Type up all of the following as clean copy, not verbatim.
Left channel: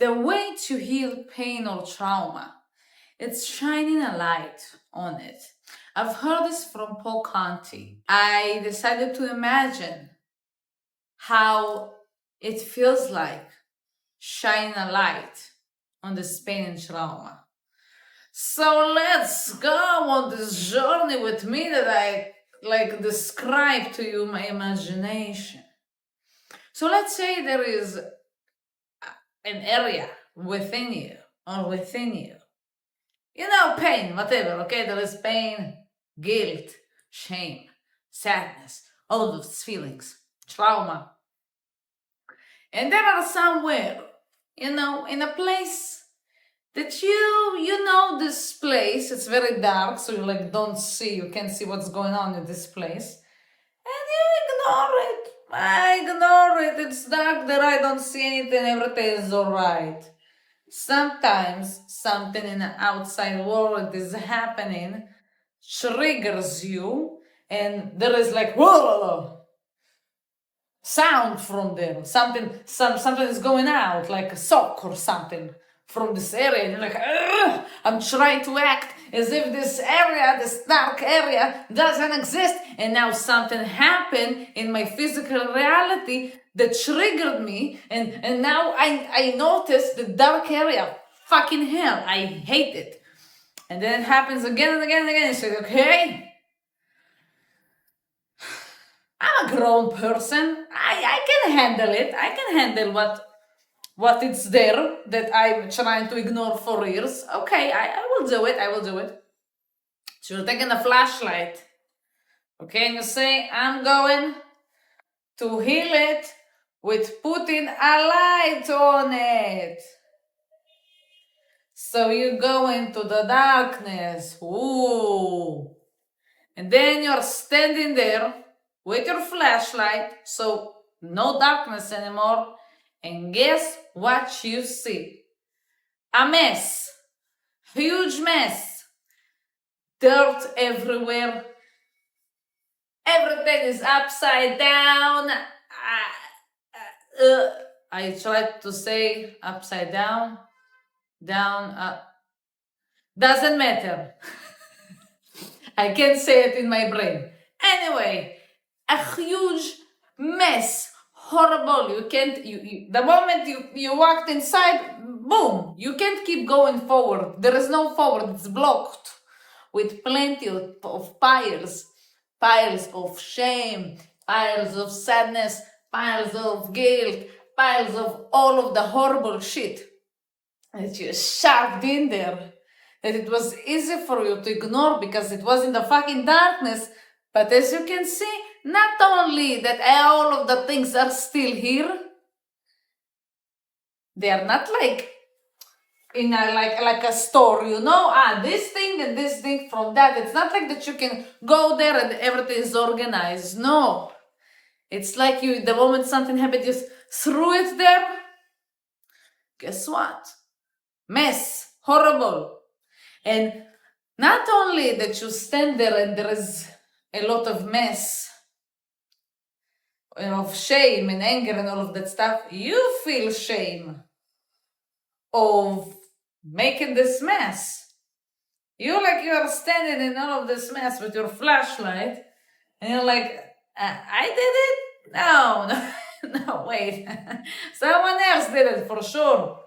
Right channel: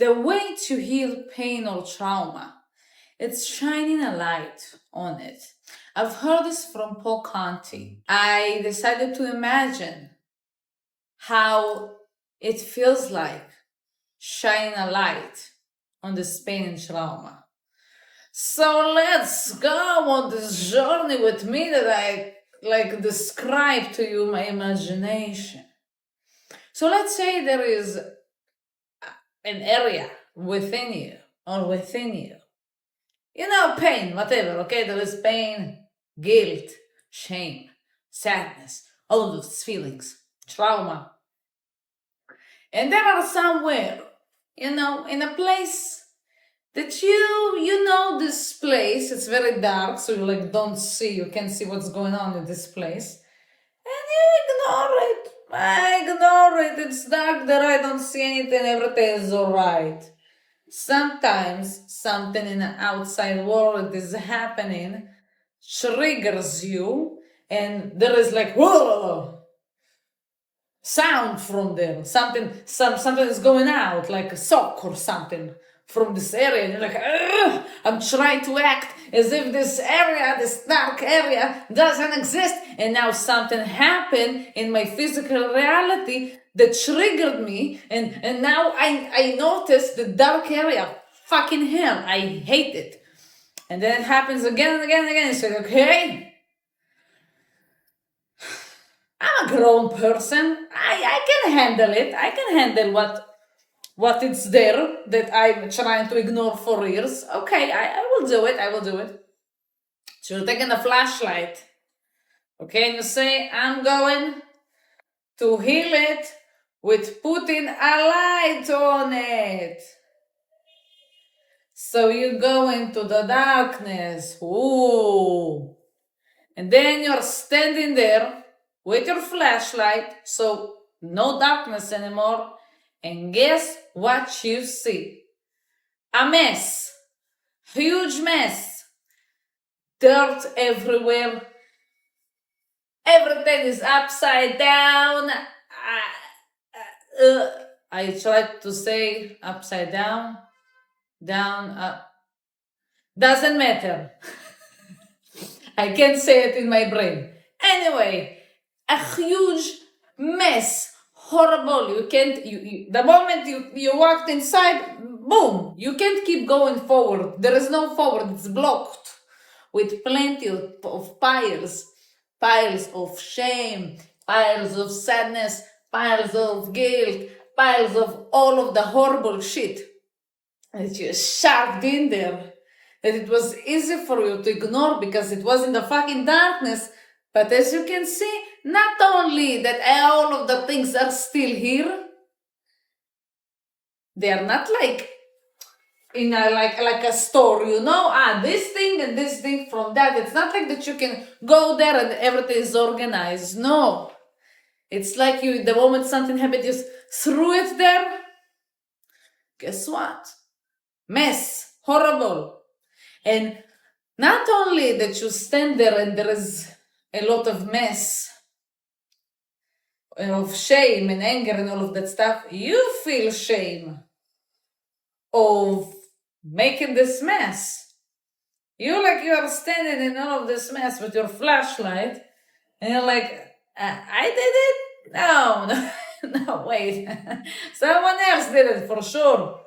The way to heal pain or trauma, it's shining a light on it. I've heard this from Paul Conti. I decided to imagine how it feels like shining a light on this pain and trauma. So let's go on this journey with me that I describe to you my imagination. So let's say there is an area within you or within you. Pain, whatever, okay? There is pain, guilt, shame, sadness, all of those feelings, trauma. And there are somewhere, in a place that you know this place, it's very dark, so you you can't see what's going on in this place. And you ignore it. I ignore it. It's dark there, I don't see anything, everything is alright. Sometimes something in the outside world is happening, triggers you, and there is whoa, sound from there. Something is going out, like a sock or something from this area. And you're like, ugh! I'm trying to act as if this area, this dark area, doesn't exist. And now something happened in my physical reality that triggered me. And now I notice the dark area. Fucking hell, I hate it. And then it happens again and again and again. You say, okay, I'm a grown person. I can handle it. I can handle what it's there that I'm trying to ignore for years. Okay, I will do it. I will do it. So you're taking a flashlight. Okay, and you say, I'm going to heal it with putting a light on it. So you go into the darkness. Ooh. And then you're standing there with your flashlight, so no darkness anymore. And guess what you see? A mess. Huge mess. Dirt everywhere. Everything is upside down. I tried to say upside down. Down, up. Doesn't matter. I can't say it in my brain. Anyway, a huge mess. Horrible. You can't, the moment you walked inside, boom, you can't keep going forward. There is no forward. It's blocked with plenty of piles of shame, piles of sadness, piles of guilt, piles of all of the horrible shit that you shoved in there, that it was easy for you to ignore because it was in the fucking darkness. But as you can see, not only that all of the things are still here, they are not in like a store, this thing and this thing from that. It's not like that you can go there and everything is organized. No. It's like the moment something happened, just threw it there. Guess what? Mess. Horrible. And not only that you stand there and there is a lot of mess, of shame and anger and all of that stuff, you feel shame of making this mess. You are standing in all of this mess with your flashlight and you're like, I did it? No, no, wait. Someone else did it for sure.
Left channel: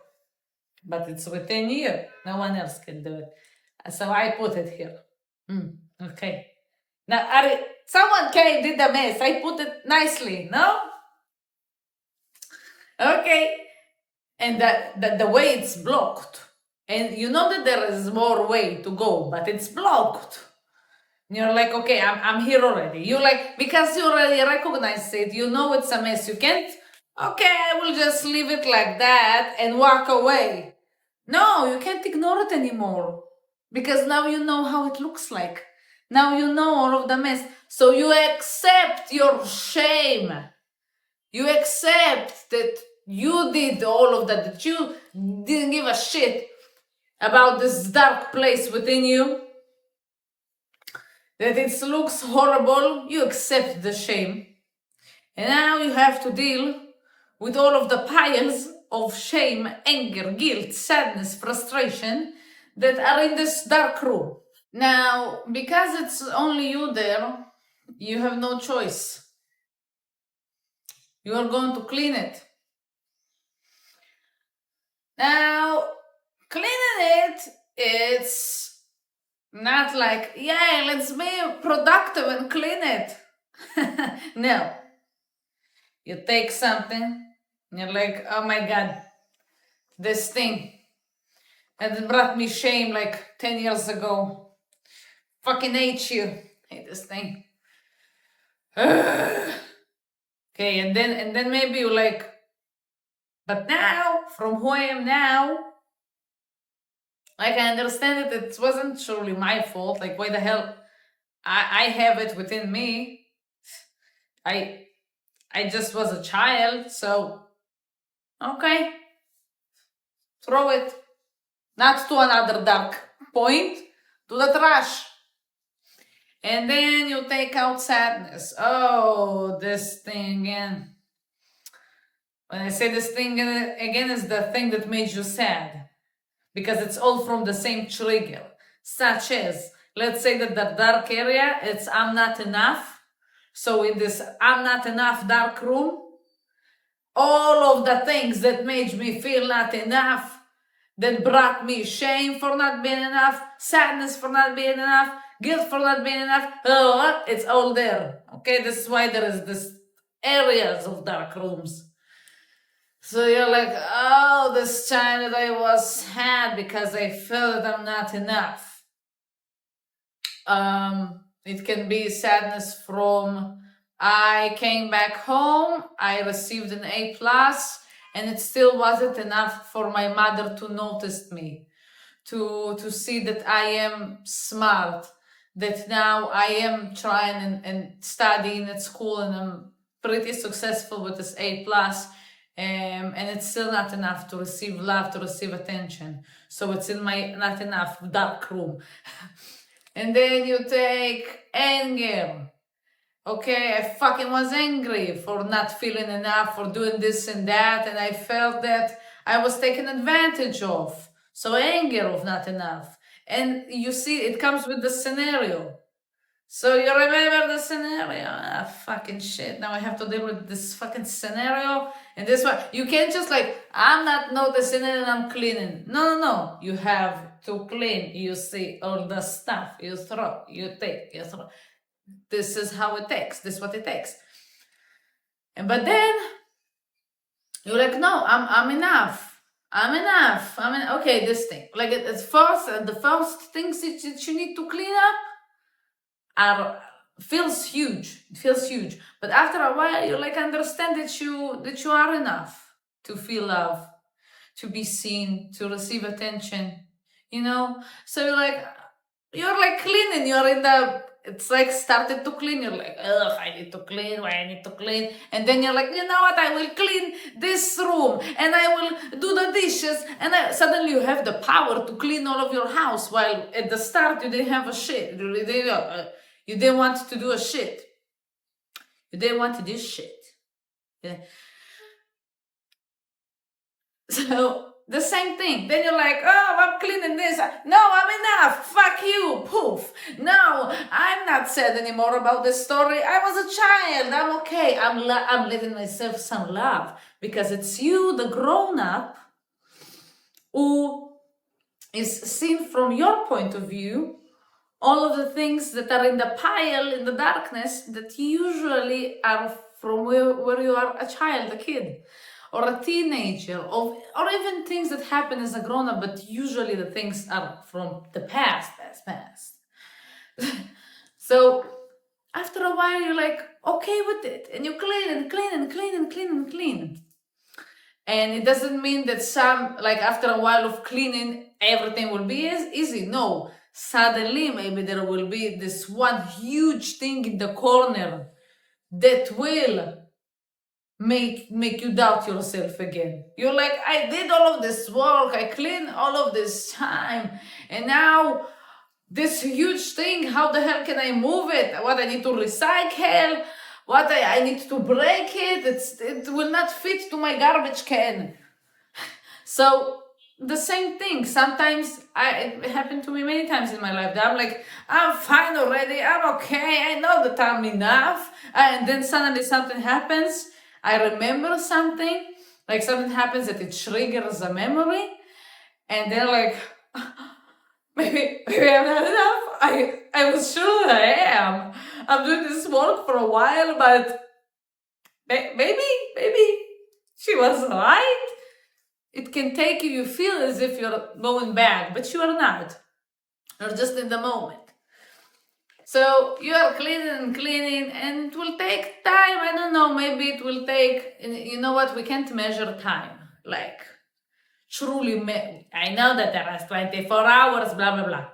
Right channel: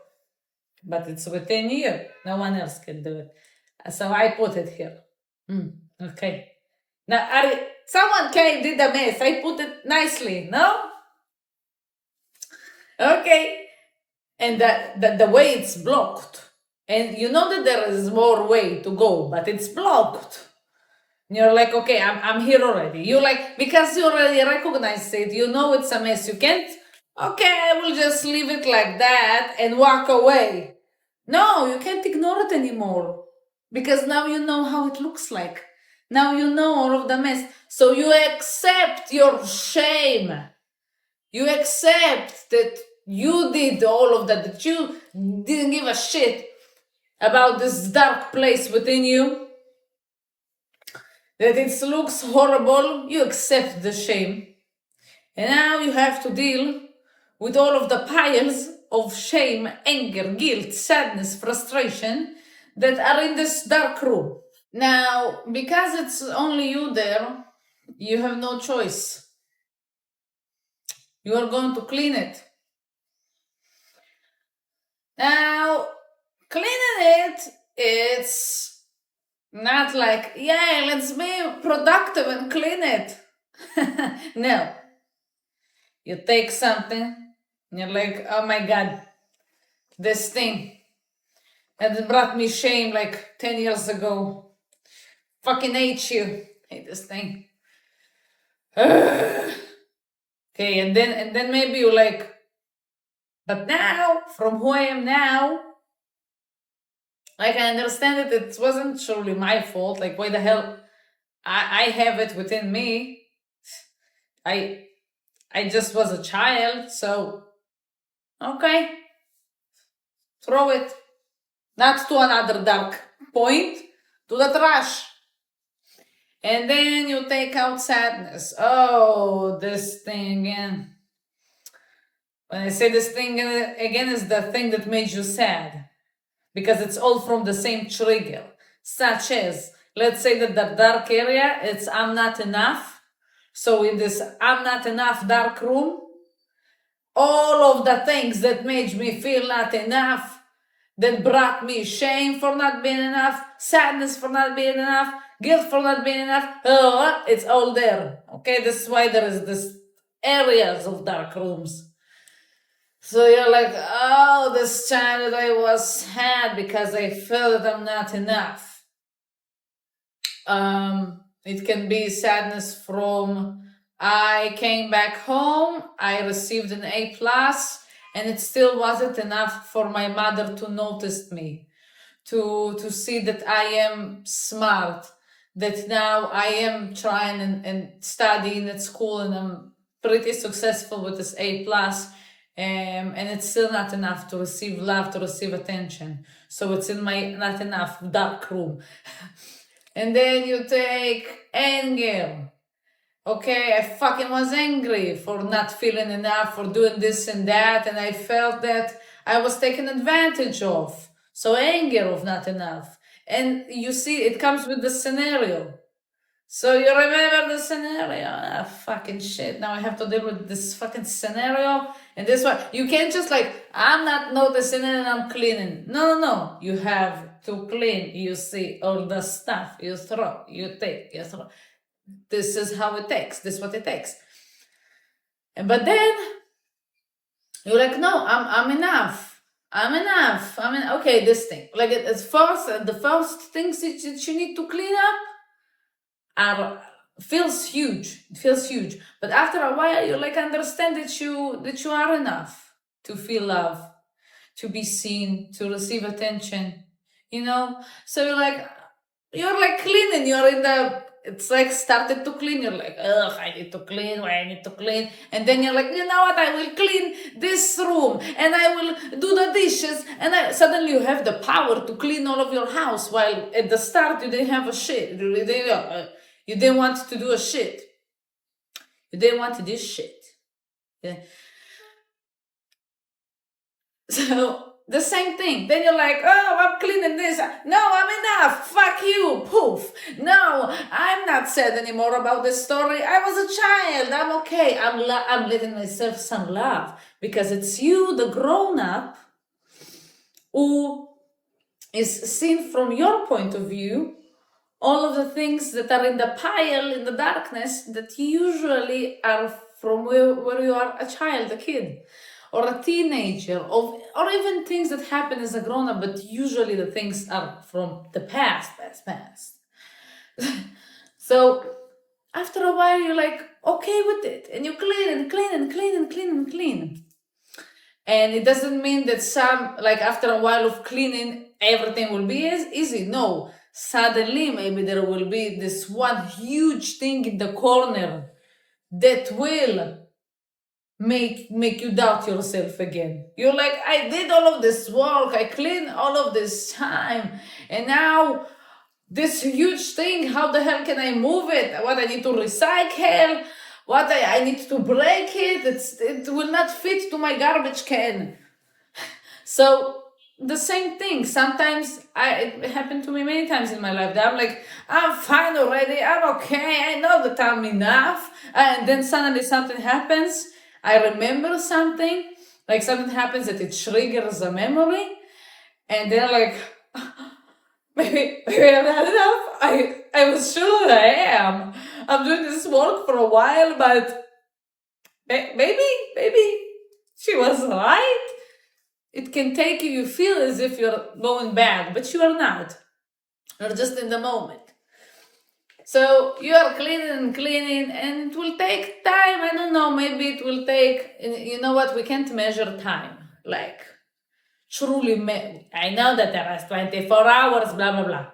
But it's within you. No one else can do it. So I put it here. Okay. Now, someone did the mess. I put it nicely, no? Okay. And the way it's blocked. And you know that there is more way to go, but it's blocked. And you're like, okay, I'm here already. Because you already recognize it, you know it's a mess. You can't, okay, I will just leave it like that and walk away. No, you can't ignore it anymore. Because now you know how it looks like. Now you know all of the mess. So you accept your shame. You accept that you did all of that you didn't give a shit about this dark place within you, that it looks horrible. You accept the shame. And now you have to deal with all of the piles of shame, anger, guilt, sadness, frustration that are in this dark room. Now, because it's only you there, you have no choice. You are going to clean it. Now, cleaning it's not like, yeah, let's be productive and clean it. No. You take something, and you're like, oh my God, this thing. And it brought me shame like 10 years ago. Fucking hate you. Hate this thing. Okay, and then maybe you're like, but now, from who I am now, like I understand it wasn't truly my fault. Like, why the hell? I have it within me. I just was a child, so okay. Throw it. Not to another dark point, to the trash. And then you take out sadness. Oh, this thing again. When I say this thing again, is the thing that made you sad. Because it's all from the same trigger. Such as, let's say that the dark area, it's I'm not enough. So in this I'm not enough dark room, all of the things that made me feel not enough, that brought me shame for not being enough, sadness for not being enough, guilt for not being enough, it's all there. Okay, this is why there is this areas of dark rooms. So you're like, oh, this time that I was sad because I felt that I'm not enough. It can be sadness from I came back home, I received an A+, and it still wasn't enough for my mother to notice me, to see that I am smart, that now I am trying and studying at school and I'm pretty successful with this A+, and it's still not enough to receive love, to receive attention. So it's in my not enough dark room. And then you take anger. Okay, I fucking was angry for not feeling enough, for doing this and that, and I felt that I was taken advantage of. So anger of not enough. And you see, it comes with the scenario. So you remember the scenario? Ah, fucking shit. Now I have to deal with this fucking scenario. And this one, you can't just like, I'm not noticing it and I'm cleaning. No. You have to clean. You see all the stuff. You throw, you take, you throw. This is how it takes. This is what it takes. But then you're like, no, I'm enough. I'm enough. Okay, this thing. Like at first, the first things that you need to clean up feels huge. It feels huge. But after a while, you like understand that you are enough to feel love, to be seen, to receive attention. So you're like cleaning. You're in the. It's like started to clean. You're like, ugh, I need to clean. Why I need to clean? And then you're like, you know what? I will clean this room and I will do the dishes. And suddenly you have the power to clean all of your house. While at the start you didn't have a shit. You didn't want to do a shit. You didn't want to do shit. Yeah. So the same thing. Then you're like, oh, I'm cleaning this. No, I'm enough. Fuck you. Poof. No, I'm not sad anymore about this story. I was a child. I'm okay. I'm letting myself some love because it's you, the grown-up, who is seen from your point of view all of the things that are in the pile in the darkness that usually are from where you are a child, a kid, or a teenager, or even things that happen as a grown-up, but usually the things are from the past. So after a while, you're like, okay with it, and you clean and clean and clean and clean and clean. And it doesn't mean that after a while of cleaning, everything will be easy. No, suddenly maybe there will be this one huge thing in the corner that will make you doubt yourself again. You're like, I did all of this work, I cleaned all of this time, and now this huge thing, how the hell can I move it? What, I need to recycle? What, I need to break it? It will not fit to my garbage can. So the same thing. Sometimes it happened to me many times in my life that I'm like, I'm fine already. I'm okay. I know that I'm enough. And then suddenly something happens. I remember something. Like something happens that it triggers a memory. And they're like, maybe I'm not enough. I was sure that I am. I'm doing this work for a while, but maybe she was right. It can take you feel as if you're going back, but you are not. You're just in the moment. So you are cleaning, and it will take time. I don't know, maybe it will take, you know what, we can't measure time. Like, truly, I know that there are 24 hours, blah, blah, blah.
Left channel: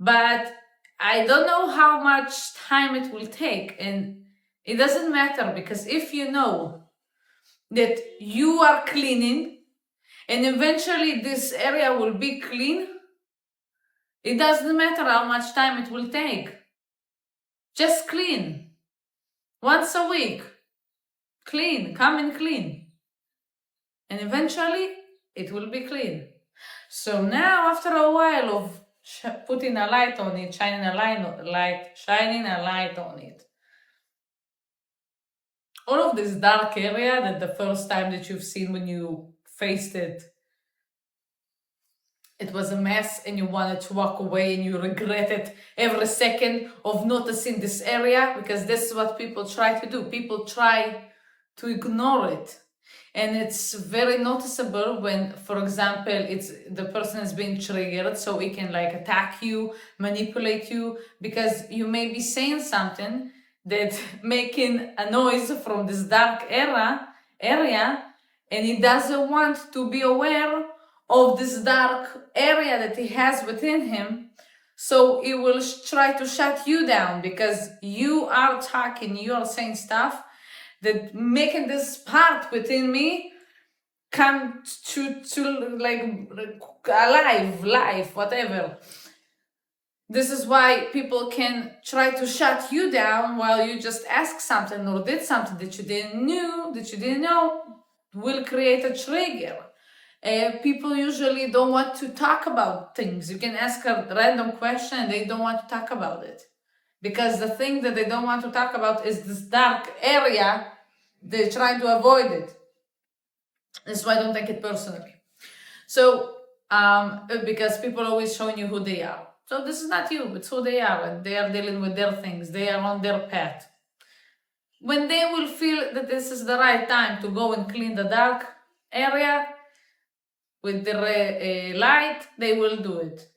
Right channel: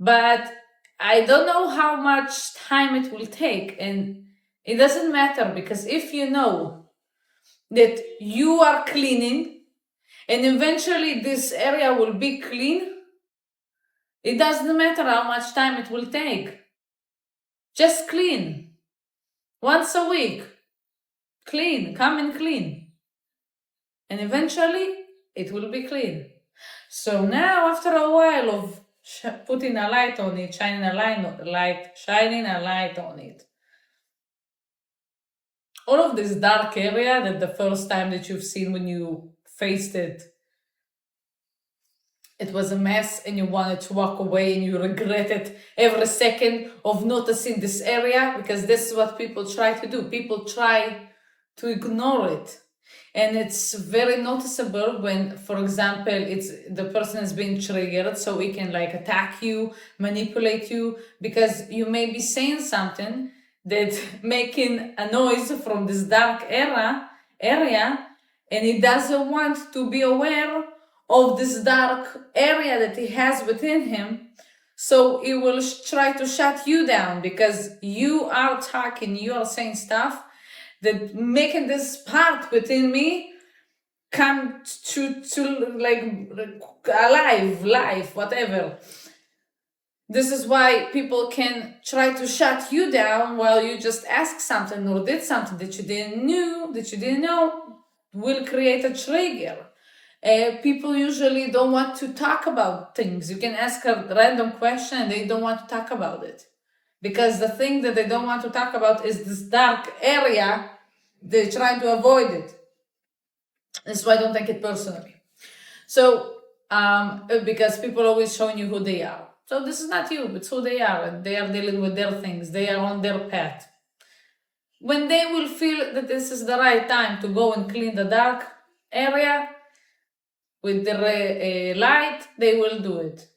But I don't know how much time it will take. And it doesn't matter, because if you know that you are cleaning and eventually this area will be clean, it doesn't matter how much time it will take. Just clean. Once a week. Clean. Come and clean. And eventually it will be clean. So now, after a while of putting a light on it, shining a light on it, all of this dark area that the first time that you've seen when you faced it, it was a mess and you wanted to walk away and you regretted every second of noticing this area, because this is what people try to do. People try to ignore it. And it's very noticeable when, for example, it's the person is being triggered, so it can like attack you, manipulate you, because you may be saying something that making a noise from this dark area, and he doesn't want to be aware of this dark area that he has within him. So he will try to shut you down, because you are talking, you are saying stuff that making this part within me come to like alive, life, whatever. This is why people can try to shut you down while you just ask something or did something that you didn't know will create a trigger. People usually don't want to talk about things. You can ask a random question and they don't want to talk about it, because the thing that they don't want to talk about is this dark area. They're trying to avoid it. That's why I don't take it personally. So, because people are always showing you who they are. So this is not you, it's who they are, and they are dealing with their things. They are on their path. When they will feel that this is the right time to go and clean the dark area with the light, they will do it.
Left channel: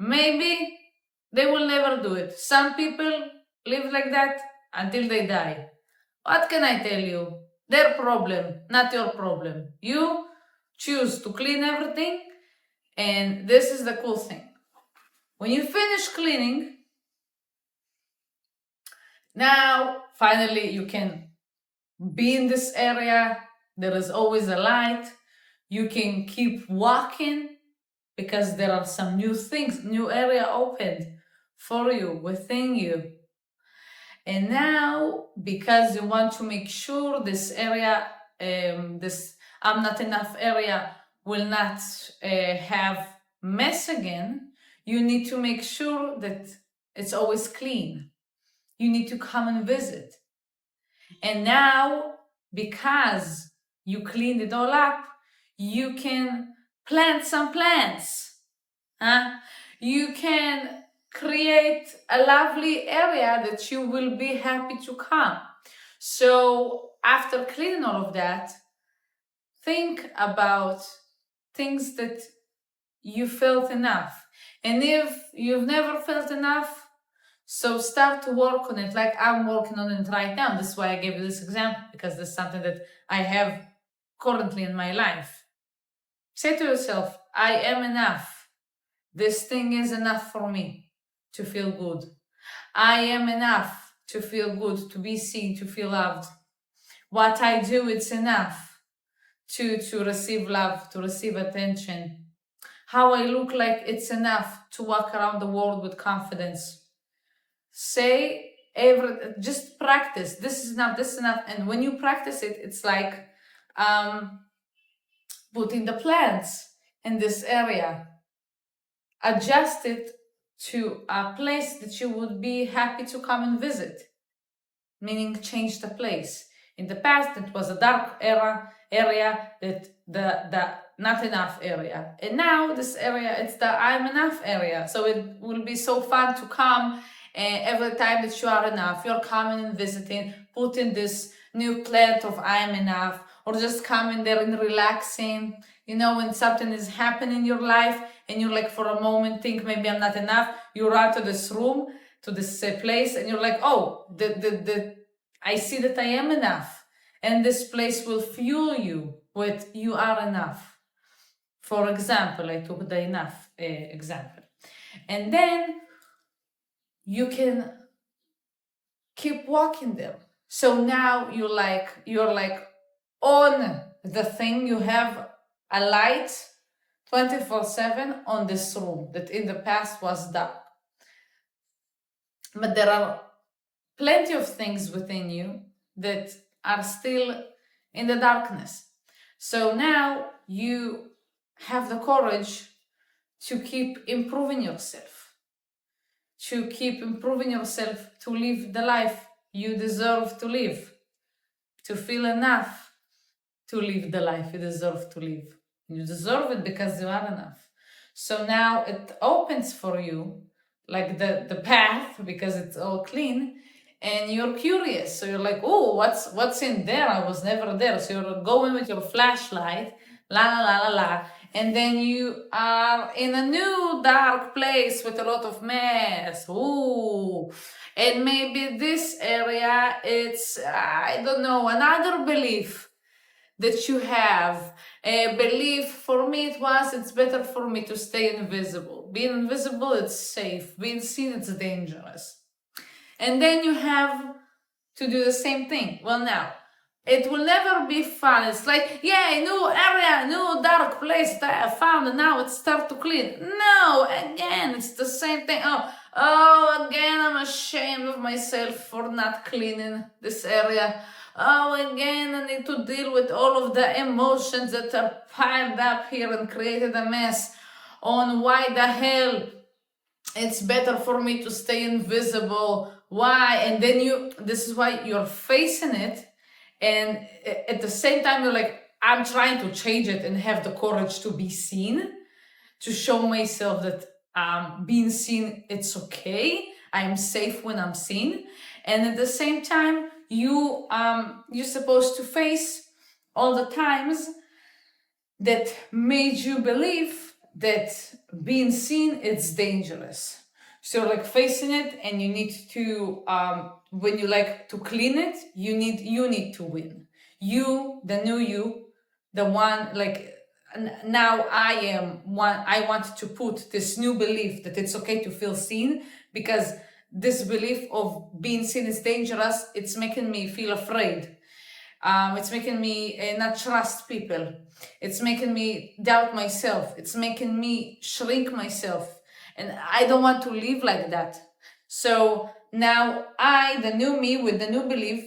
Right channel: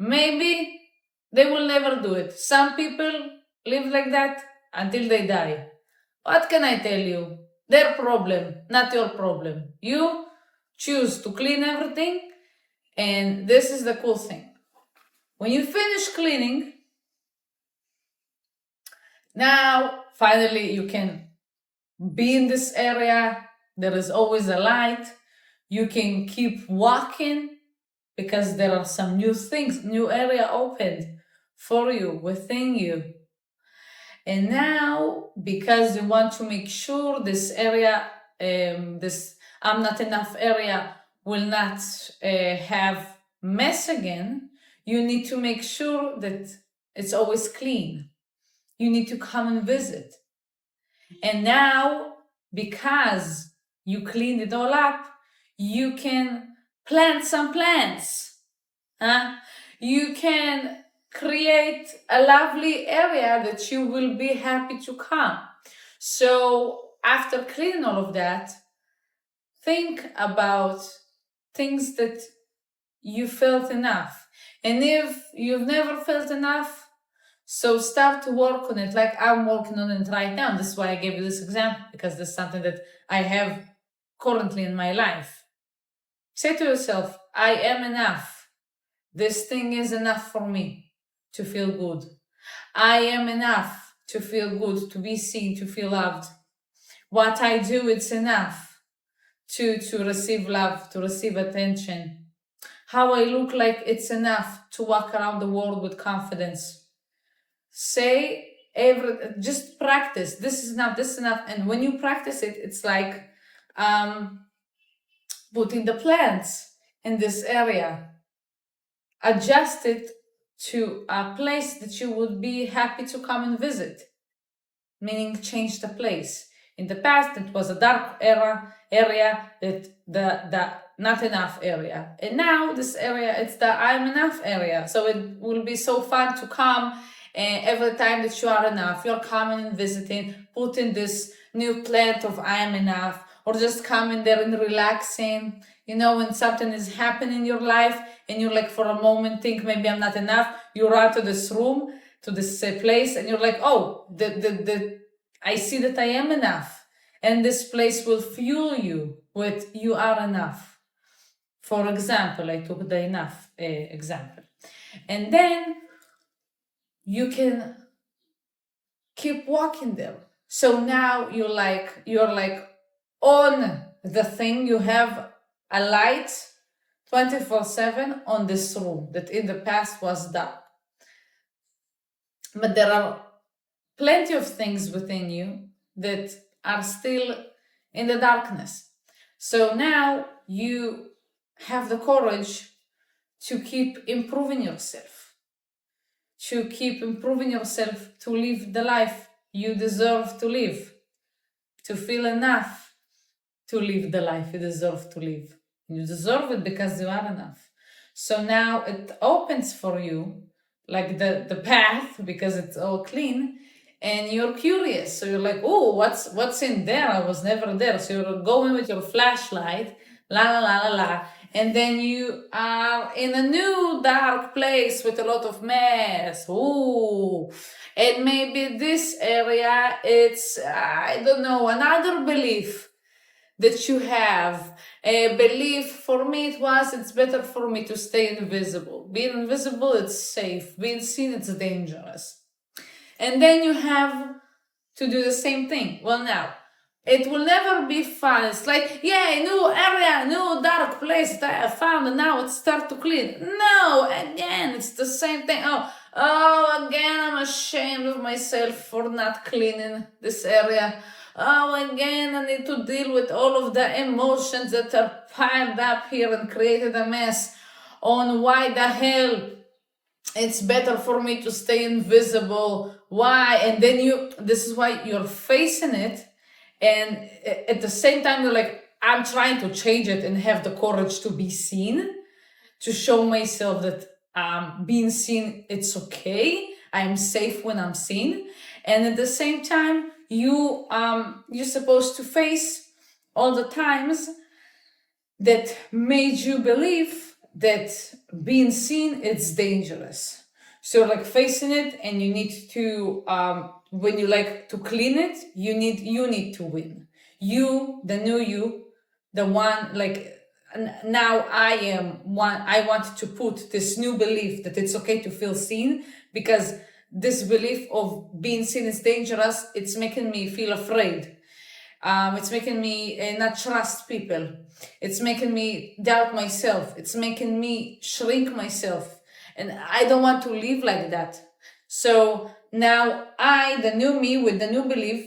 Maybe they will never do it. Some people live like that until they die. What can I tell you? Their problem, not your problem. You choose to clean everything, and this is the cool thing. When you finish cleaning, now finally you can be in this area. There is always a light. You can keep walking because there are some new things, new area opened for you, within you. And now, because you want to make sure this area, this I'm not enough area will not have mess again, you need to make sure that it's always clean. You need to come and visit. And now, because you cleaned it all up, you can plant some plants. Huh? You can create a lovely area that you will be happy to come. So after cleaning all of that, think about things that you felt enough. And if you've never felt enough, so start to work on it, like I'm working on it right now. This is why I gave you this example, because this is something that I have currently in my life. Say to yourself, I am enough. This thing is enough for me to feel good. I am enough to feel good, to be seen, to feel loved. What I do, it's enough to receive love, to receive attention. How I look like, it's enough to walk around the world with confidence. Say just practice. This is enough, this is enough. And when you practice it, it's like putting the plants in this area, adjust it to a place that you would be happy to come and visit, meaning change the place. In the past, it was a dark area, that the not enough area, and now this area, it's the I'm enough area. So it will be so fun to come every time that you are enough. You're coming and visiting, putting this new plant of I am enough, or just coming there and relaxing. You know, when something is happening in your life and you like for a moment think maybe I'm not enough, you run to this room, to this place, and you're like, oh, I see that I am enough. And this place will fuel you with you are enough. For example, I took the enough example. And then you can keep walking there. So now you're like on the thing, you have a light 24/7 on this room that in the past was dark. But there are plenty of things within you that are still in the darkness. So now you have the courage to keep improving yourself, to live the life you deserve to live, to feel enough to live the life you deserve to live. You deserve it because you are enough. So now it opens for you like the path, because it's all clean, and you're curious. So you're like, oh, what's in there? I was never there. So you're going with your flashlight, la la la la la, and then you are in a new dark place with a lot of mess. Ooh. And maybe this area, it's, I don't know, another belief that you have. A belief, for me it was, it's better for me to stay invisible. Being invisible, it's safe. Being seen, it's dangerous. And then you have to do the same thing. Well, now, it will never be fun. It's like, yay, new area, new dark place that I found, and now it's start to clean. No, again, it's the same thing. Oh, again, I'm ashamed of myself for not cleaning this area. Oh, again, I need to deal with all of the emotions that are piled up here and created a mess on why the hell it's better for me to stay invisible. Why? And then this is why you're facing it. And at the same time, you're like, I'm trying to change it and have the courage to be seen, to show myself that being seen, it's okay. I'm safe when I'm seen. And at the same time, you're supposed to face all the times that made you believe that being seen, it's dangerous. So like facing it, and you need to, when you like to clean it, you need to win. You, the new you, the one like, now I want to put this new belief that it's okay to feel seen, because this belief of being seen is dangerous. It's making me feel afraid. It's making me not trust people. It's making me doubt myself. It's making me shrink myself. And I don't want to live like that. So now I, the new me with the new belief,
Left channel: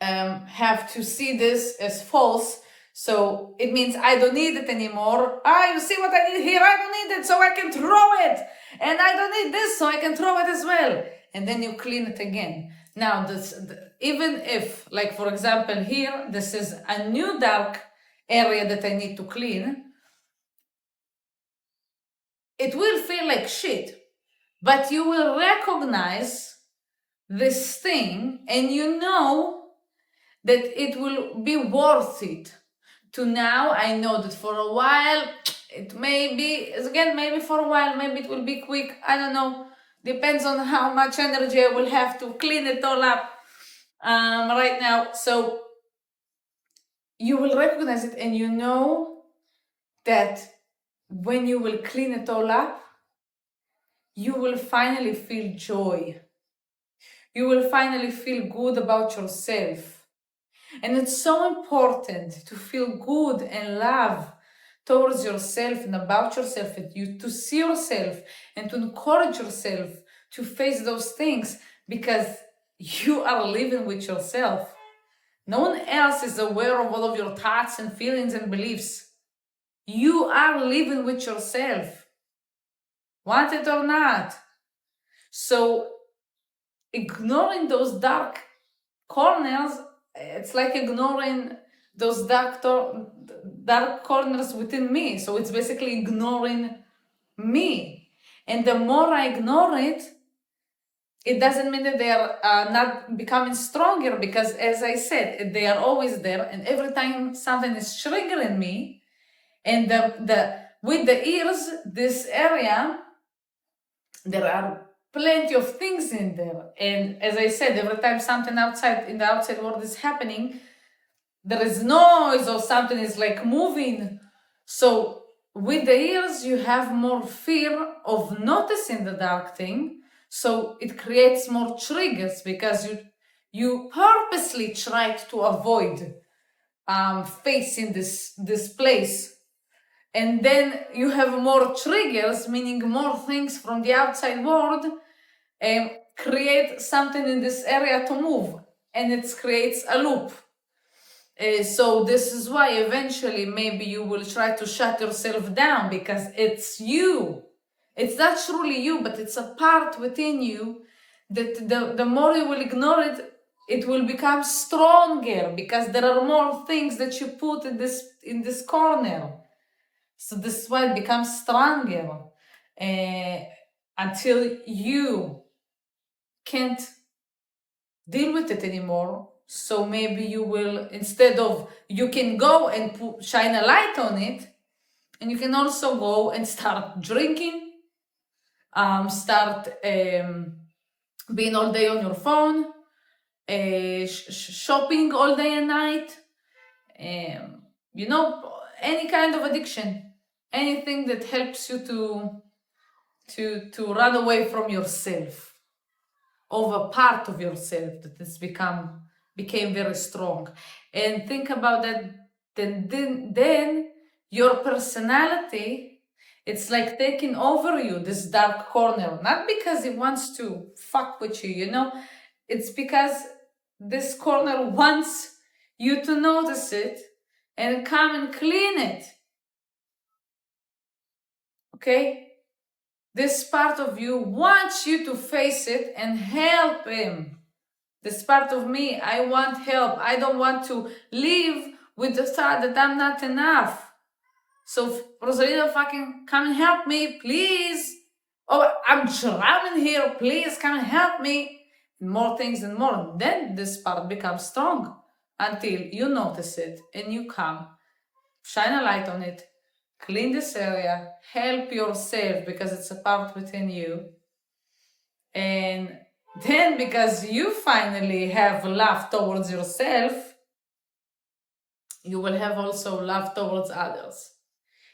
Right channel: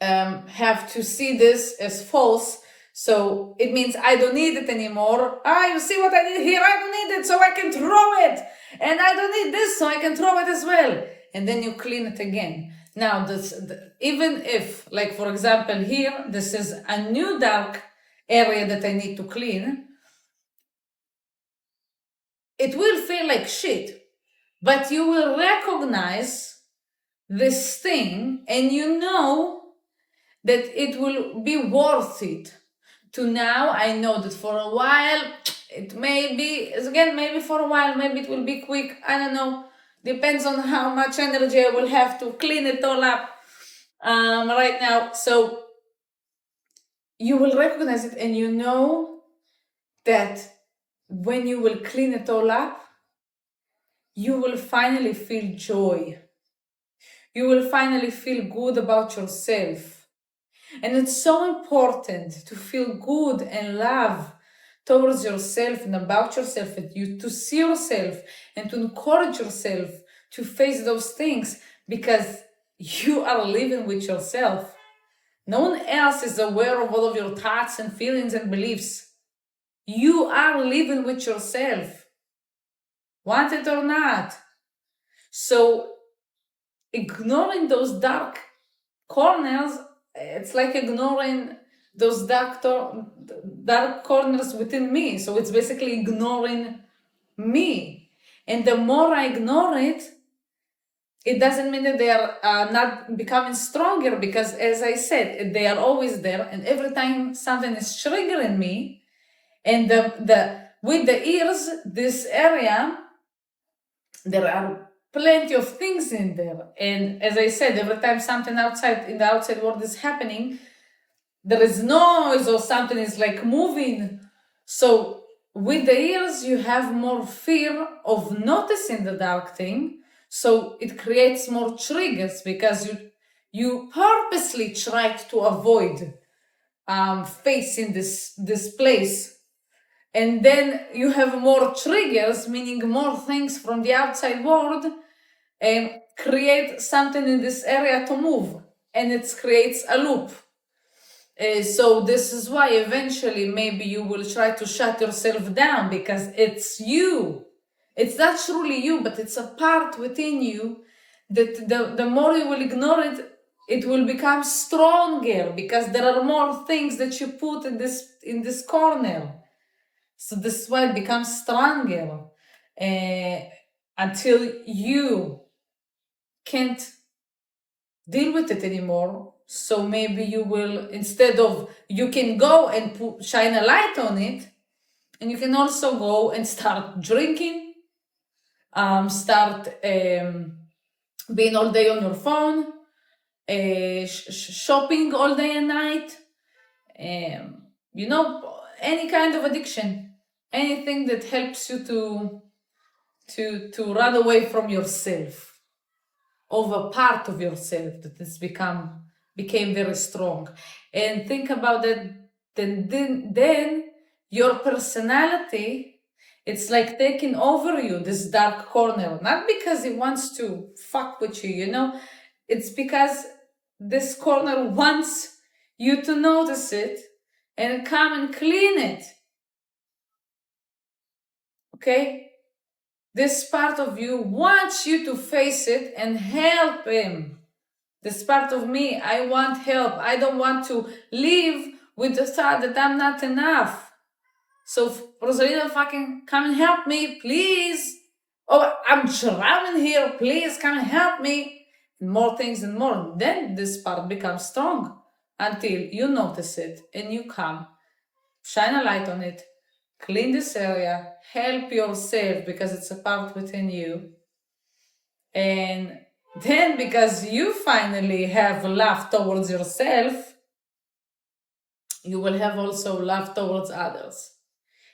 have to see this as false. So it means I don't need it anymore. You see what I did here? I don't need it, so I can throw it. And I don't need this, so I can throw it as well. And then you clean it again. Now, even if, like for example here, this is a new dark area that I need to clean, it will feel like shit, but you will recognize this thing, and you know that it will be worth it. To now, I know that for a while, it may be, again, maybe for a while, maybe it will be quick, I don't know. Depends on how much energy I will have to clean it all up right now. So you will recognize it, and you know that when you will clean it all up, you will finally feel joy. You will finally feel good about yourself. And it's so important to feel good and love towards yourself and about yourself, and you to see yourself and to encourage yourself to face those things, because you are living with yourself. No one else is aware of all of your thoughts and feelings and beliefs. You are all of your thoughts and feelings and beliefs. You are living with yourself, want it or not. So ignoring those dark corners, it's like ignoring those dark corners within me. So it's basically ignoring me. And the more I ignore it, it doesn't mean that they are not becoming stronger, because as I said, they are always there. And every time something is triggering me, and with the ears, this area, there are plenty of things in there. And as I said, every time something in the outside world is happening, there is noise or something is like moving. So with the ears, you have more fear of noticing the dark thing. So it creates more triggers, because you purposely try to avoid facing this place. And then you have more triggers, meaning more things from the outside world, and create something in this area to move, and it creates a loop. So this is why eventually maybe you will try to shut yourself down, because it's you. It's not truly you, but it's a part within you that the more you will ignore it, it will become stronger, because there are more things that you put in this corner. So this is why it becomes stronger until you can't deal with it anymore. So maybe you will, instead of, you can go and shine a light on it, and you can also go and start drinking, start being all day on your phone, shopping all day and night, any kind of addiction, anything that helps you to run away from yourself, of a part of yourself that has became very strong. And think about that. Then your personality, it's like taking over you, this dark corner, not because it wants to fuck with you, it's because this corner wants you to notice it and come and clean it. Okay? This part of you wants you to face it and help him. This part of me, I want help. I don't want to live with the thought that I'm not enough. So Rosalina, fucking come and help me, please. Oh, I'm drowning here. Please come and help me. More things and more. Then this part becomes strong until you notice it and you come, shine a light on it, clean this area, help yourself, because it's a part within you. And then, because you finally have love towards yourself, you will have also love towards others.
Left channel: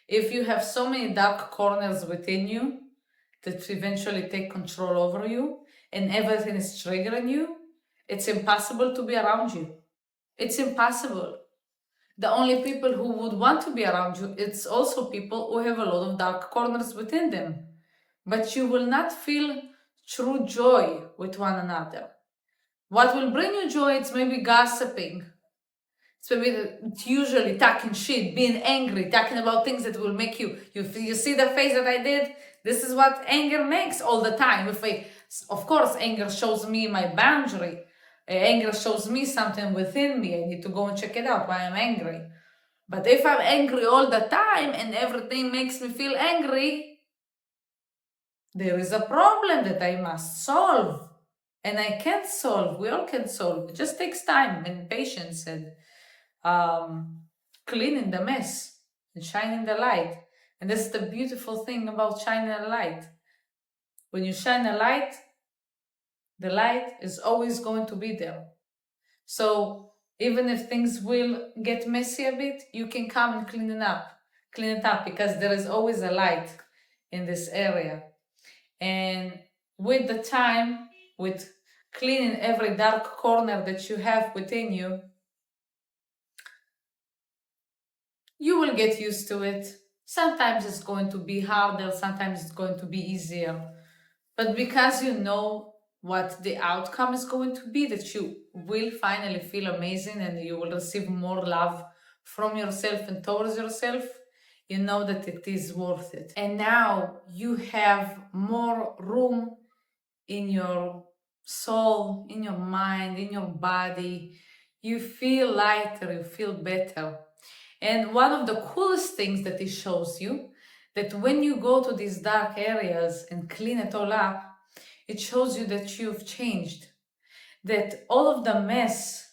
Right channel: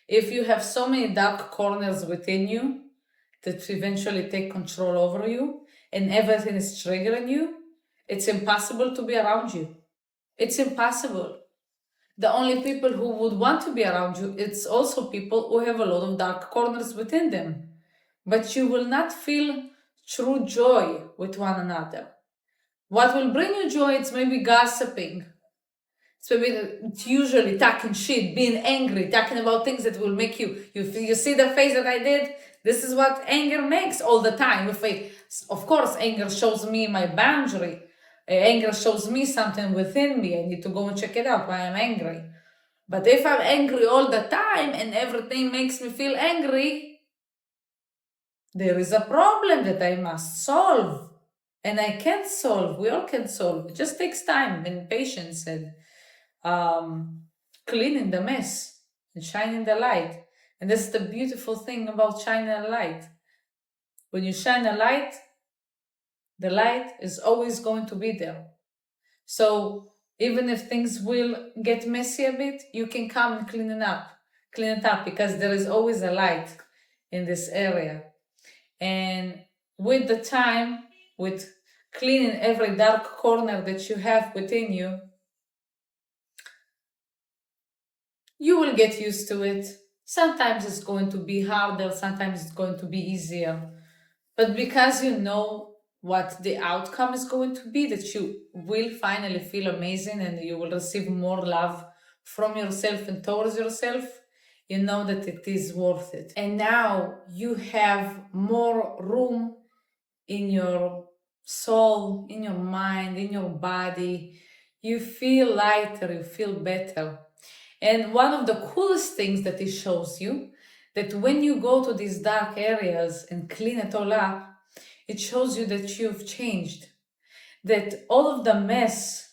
If you have so many dark corners within you that eventually take control over you and everything is triggering you, it's impossible to be around you. It's impossible. The only people who would want to be around you, it's also people who have a lot of dark corners within them. But you will not feel true joy with one another. What will bring you joy, it's maybe gossiping. It's usually talking shit, being angry, talking about things that will make you see the face that I did? This is what anger makes all the time. Of course, anger shows me my boundary. Anger shows me something within me. I need to go and check it out, why I'm angry. But if I'm angry all the time and everything makes me feel angry, there is a problem that I must solve. And I can solve. We all can solve. It just takes time and patience and cleaning the mess and shining the light. And that's the beautiful thing about shining a light. When you shine a light, the light is always going to be there. So even if things will get messy a bit, you can come and clean it up, because there is always a light in this area. And with the time, with cleaning every dark corner that you have within you, you will get used to it. Sometimes it's going to be harder, sometimes it's going to be easier. But because you know what the outcome is going to be, that you will finally feel amazing and you will receive more love from yourself and towards yourself, you know that it is worth it. And now you have more room in your soul, in your mind, in your body. You feel lighter, you feel better. And one of the coolest things that it shows you, that when you go to these dark areas and clean it all up, it shows you that you've changed, that all of the mess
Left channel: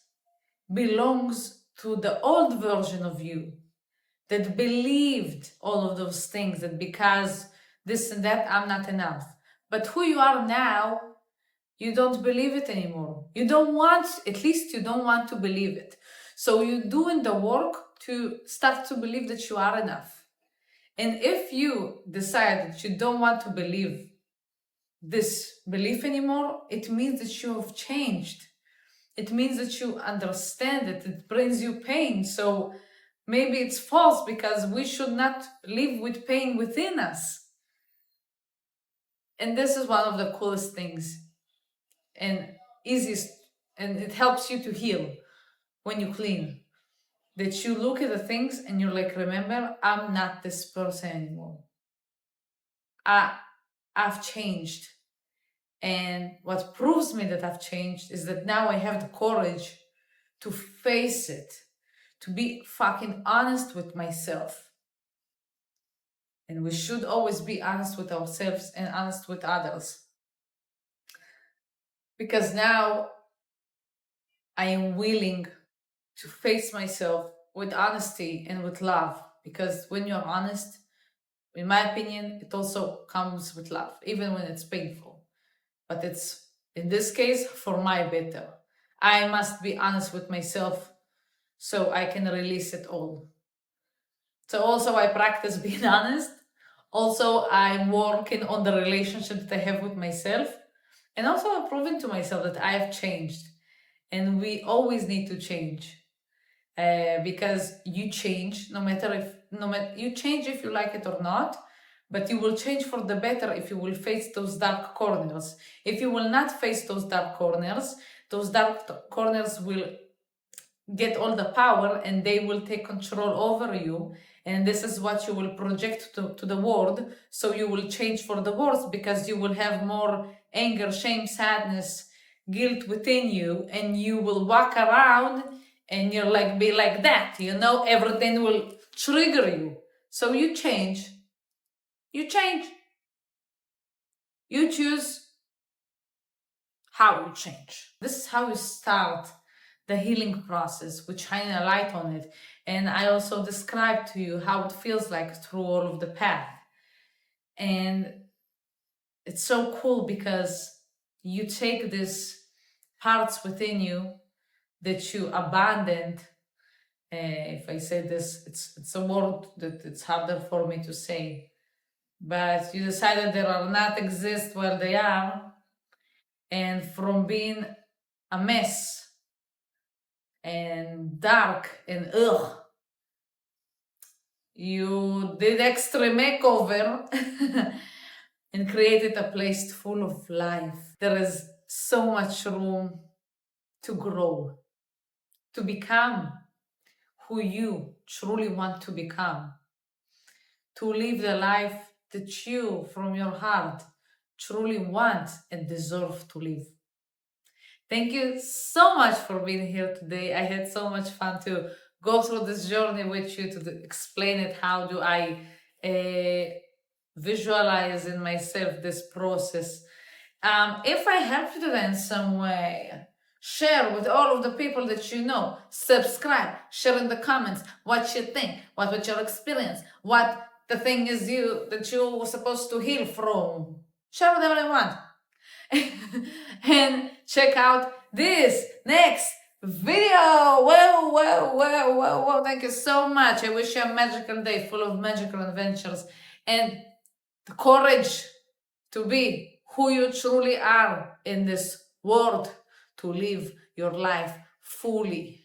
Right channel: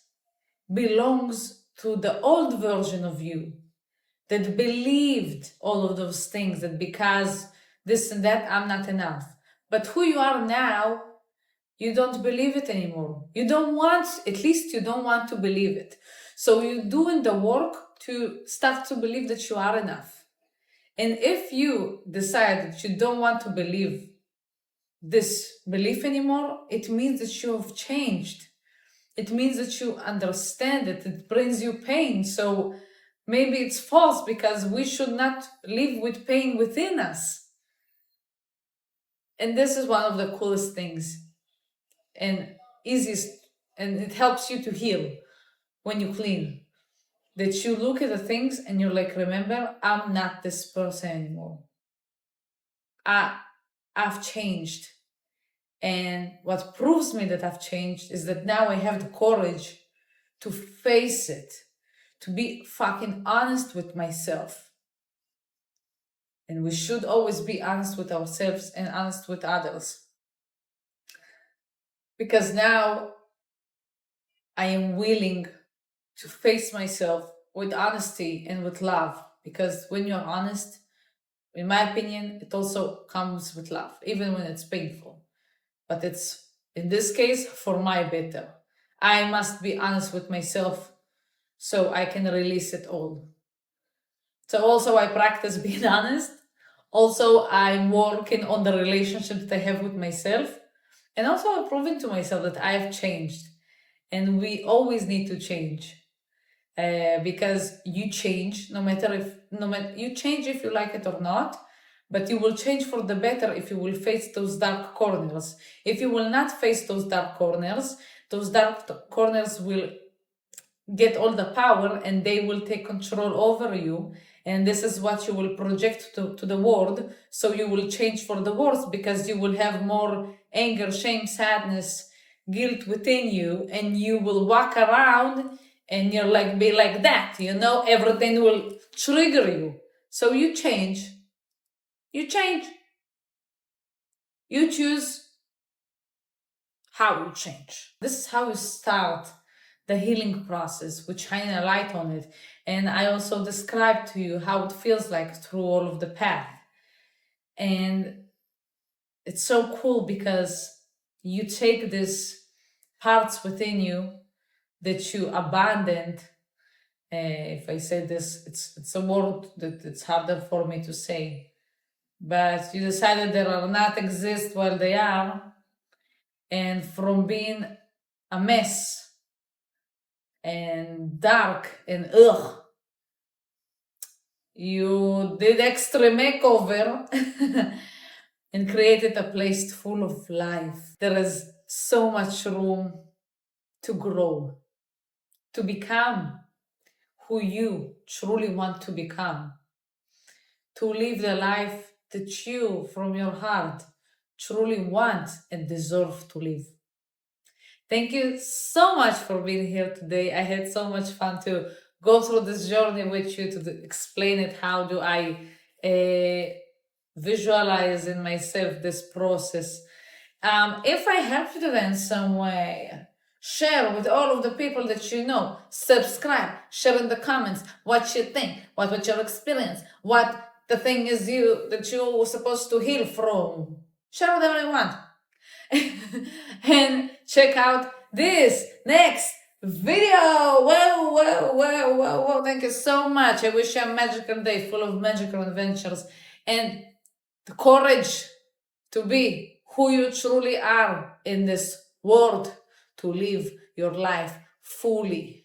belongs to the old version of you that believed all of those things, that because this and that, I'm not enough. But who you are now, you don't believe it anymore. You don't want, at least you don't want to believe it. So you're doing the work to start to believe that you are enough. And if you decide that you don't want to believe this belief anymore, it means that you have changed. It means that you understand it. It brings you pain. So maybe it's false, because we should not live with pain within us. And this is one of the coolest things and easiest, and it helps you to heal when you clean. That you look at the things and you're like, remember, I'm not this person anymore. I've changed. And what proves me that I've changed is that now I have the courage to face it, to be fucking honest with myself. And we should always be honest with ourselves and honest with others. Because now I am willing to face myself with honesty and with love. Because when you're honest, in my opinion, it also comes with love, even when it's painful. But it's, in this case, for my better. I must be honest with myself so I can release it all. So also I practice being honest. Also, I'm working on the relationship that I have with myself. And also I'm proving to myself that I have changed. And we always need to change. Because you change, no matter you change if you like it or not, but you will change for the better if you will face those dark corners. If you will not face those dark corners will get all the power and they will take control over you. And this is what you will project to the world. So you will change for the worse, because you will have more anger, shame, sadness, guilt within you, and you will walk around and you're like, be like that, everything will trigger you. So you change. You change. You choose how you change. This is how you start the healing process, with shining a light on it. And I also described to you how it feels like through all of the path. And it's so cool because you take these parts within you that you abandoned. If I say this, it's a word that it's harder for me to say. But you decided they are not exist while they are. And from being a mess and dark and you did extra makeover and created a place full of life. There is so much room to grow, to become who you truly want to become, to live the life that you, from your heart, truly want and deserve to live. Thank you so much for being here today. I had so much fun to go through this journey with you, to explain it. How do I visualize in myself this process? If I helped you in some way, share with all of the people that you know. Subscribe, share in the comments what you think, what was your experience, what the thing is that you were supposed to heal from. Share with everyone. And check out this next video. Well, thank you so much. I wish you a magical day full of magical adventures and the courage to be who you truly are in this world, to live your life fully.